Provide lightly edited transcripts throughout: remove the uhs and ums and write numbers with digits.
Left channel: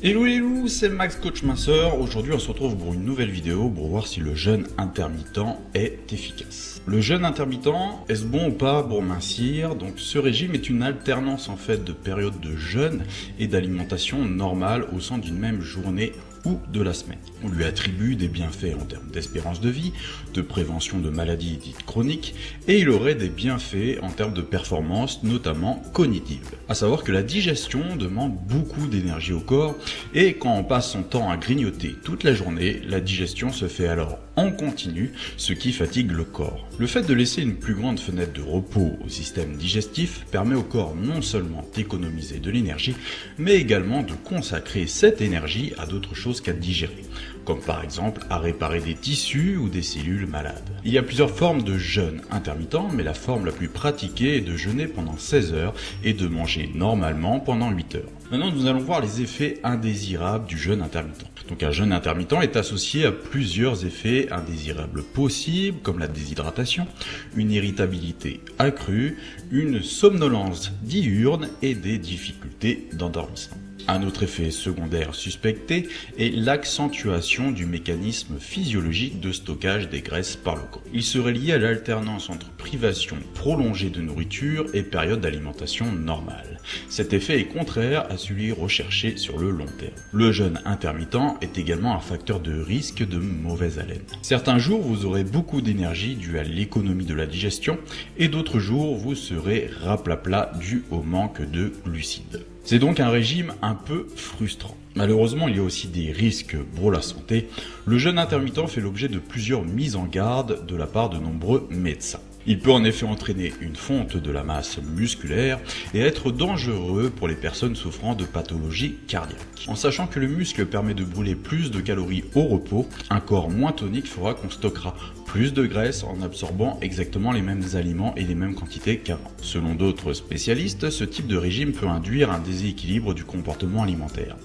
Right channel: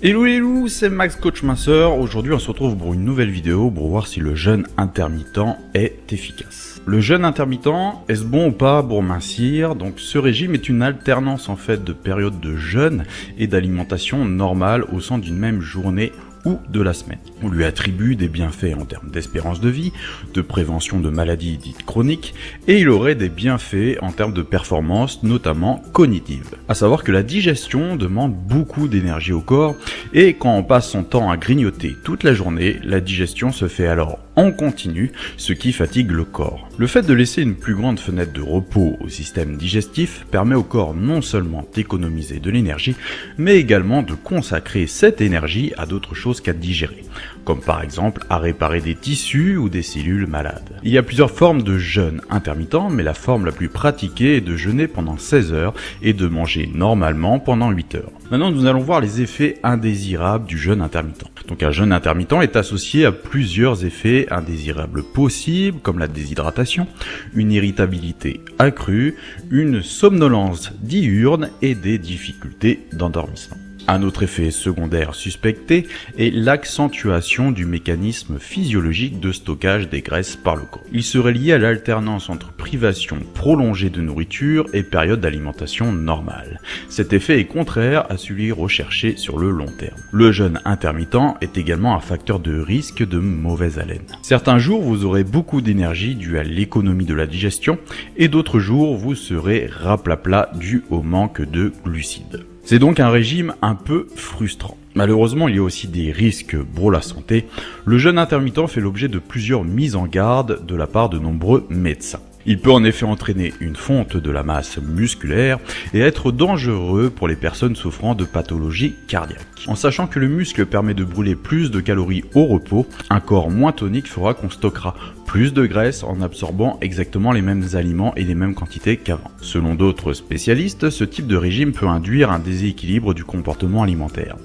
Hello les loups, c'est Max Coach Minceur. Aujourd'hui on se retrouve pour une nouvelle vidéo pour voir si le jeûne intermittent est efficace. Le jeûne intermittent, est-ce bon ou pas pour mincir? Donc ce régime est une alternance en fait de périodes de jeûne et d'alimentation normale au sein d'une même journée ou de la semaine. On lui attribue des bienfaits en termes d'espérance de vie, de prévention de maladies dites chroniques, et il aurait des bienfaits en termes de performance, notamment cognitive. À savoir que la digestion demande beaucoup d'énergie au corps, et quand on passe son temps à grignoter toute la journée, la digestion se fait alors en continu, ce qui fatigue le corps. Le fait de laisser une plus grande fenêtre de repos au système digestif permet au corps non seulement d'économiser de l'énergie, mais également de consacrer cette énergie à d'autres choses qu'à digérer, comme par exemple à réparer des tissus ou des cellules malades. Il y a plusieurs formes de jeûne intermittent, mais la forme la plus pratiquée est de jeûner pendant 16 heures et de manger normalement pendant 8 heures. Maintenant, nous allons voir les effets indésirables du jeûne intermittent. Donc un jeûne intermittent est associé à plusieurs effets indésirables possibles, comme la déshydratation, une irritabilité accrue, une somnolence diurne et des difficultés d'endormissement. Un autre effet secondaire suspecté est l'accentuation du mécanisme physiologique de stockage des graisses par le corps. Il serait lié à l'alternance entre privation prolongée de nourriture et période d'alimentation normale. Cet effet est contraire à celui recherché sur le long terme. Le jeûne intermittent est également un facteur de risque de mauvaise haleine. Certains jours, vous aurez beaucoup d'énergie due à l'économie de la digestion et d'autres jours, vous serez raplapla dû au manque de glucides. C'est donc un régime un peu frustrant. Malheureusement, il y a aussi des risques pour la santé. Le jeûne intermittent fait l'objet de plusieurs mises en garde de la part de nombreux médecins. Il peut en effet entraîner une fonte de la masse musculaire et être dangereux pour les personnes souffrant de pathologies cardiaques. En sachant que le muscle permet de brûler plus de calories au repos, un corps moins tonique fera qu'on stockera plus de graisse en absorbant exactement les mêmes aliments et les mêmes quantités qu'avant. Selon d'autres spécialistes, ce type de régime peut induire un déséquilibre du comportement alimentaire.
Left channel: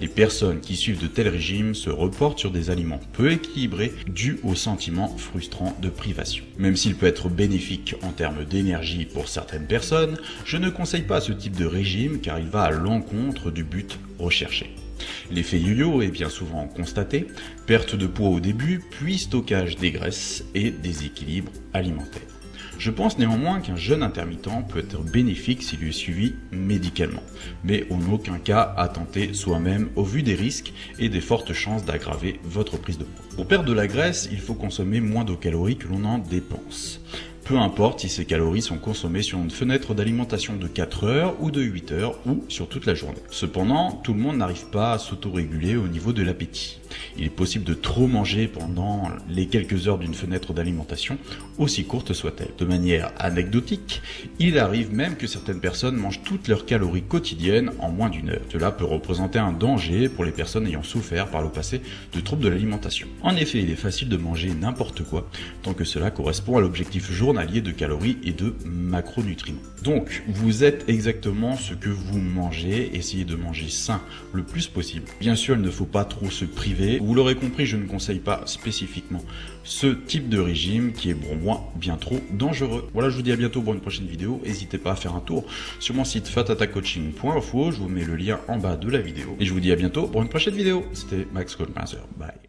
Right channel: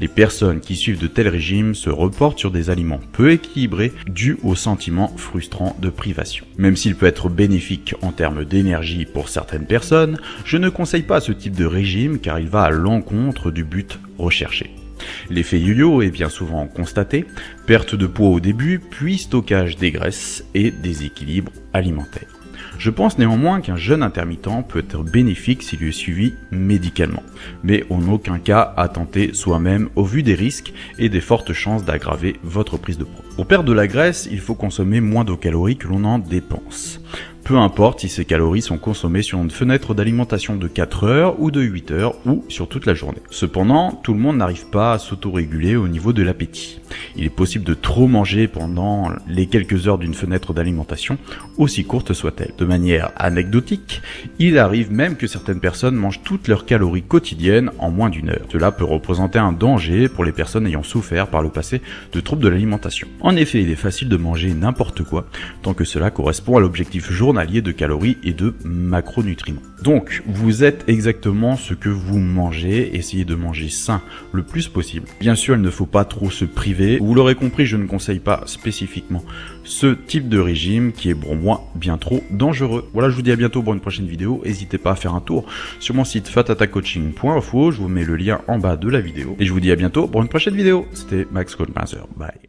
Les personnes qui suivent de tels régimes se reportent sur des aliments peu équilibrés dus au sentiment frustrant de privation. Même s'il peut être bénéfique en termes d'énergie pour certaines personnes, je ne conseille pas ce type de régime car il va à l'encontre du but recherché. L'effet yo-yo est bien souvent constaté, perte de poids au début, puis stockage des graisses et déséquilibre alimentaire. Je pense néanmoins qu'un jeûne intermittent peut être bénéfique s'il est suivi médicalement, mais en aucun cas à tenter soi-même au vu des risques et des fortes chances d'aggraver votre prise de poids. Pour perdre de la graisse, il faut consommer moins de calories que l'on en dépense. Peu importe si ces calories sont consommées sur une fenêtre d'alimentation de 4 heures ou de 8 heures ou sur toute la journée. Cependant, tout le monde n'arrive pas à s'autoréguler au niveau de l'appétit. Il est possible de trop manger pendant les quelques heures d'une fenêtre d'alimentation, aussi courte soit-elle. De manière anecdotique, il arrive même que certaines personnes mangent toutes leurs calories quotidiennes en moins d'une heure. Cela peut représenter un danger pour les personnes ayant souffert par le passé de troubles de l'alimentation. En effet, il est facile de manger n'importe quoi, tant que cela correspond à l'objectif journalier de calories et de macronutriments. Donc, vous êtes exactement ce que vous mangez, essayez de manger sain le plus possible. Bien sûr, il ne faut pas trop se priver. Vous l'aurez compris, je ne conseille pas spécifiquement ce type de régime qui est pour moi bien trop dangereux. Voilà, je vous dis à bientôt pour une prochaine vidéo. N'hésitez pas à faire un tour sur mon site fatatacoaching.info. Je vous mets le lien en bas de la vidéo. Et je vous dis à bientôt pour une prochaine vidéo. C'était Max Coach Minceur. Bye.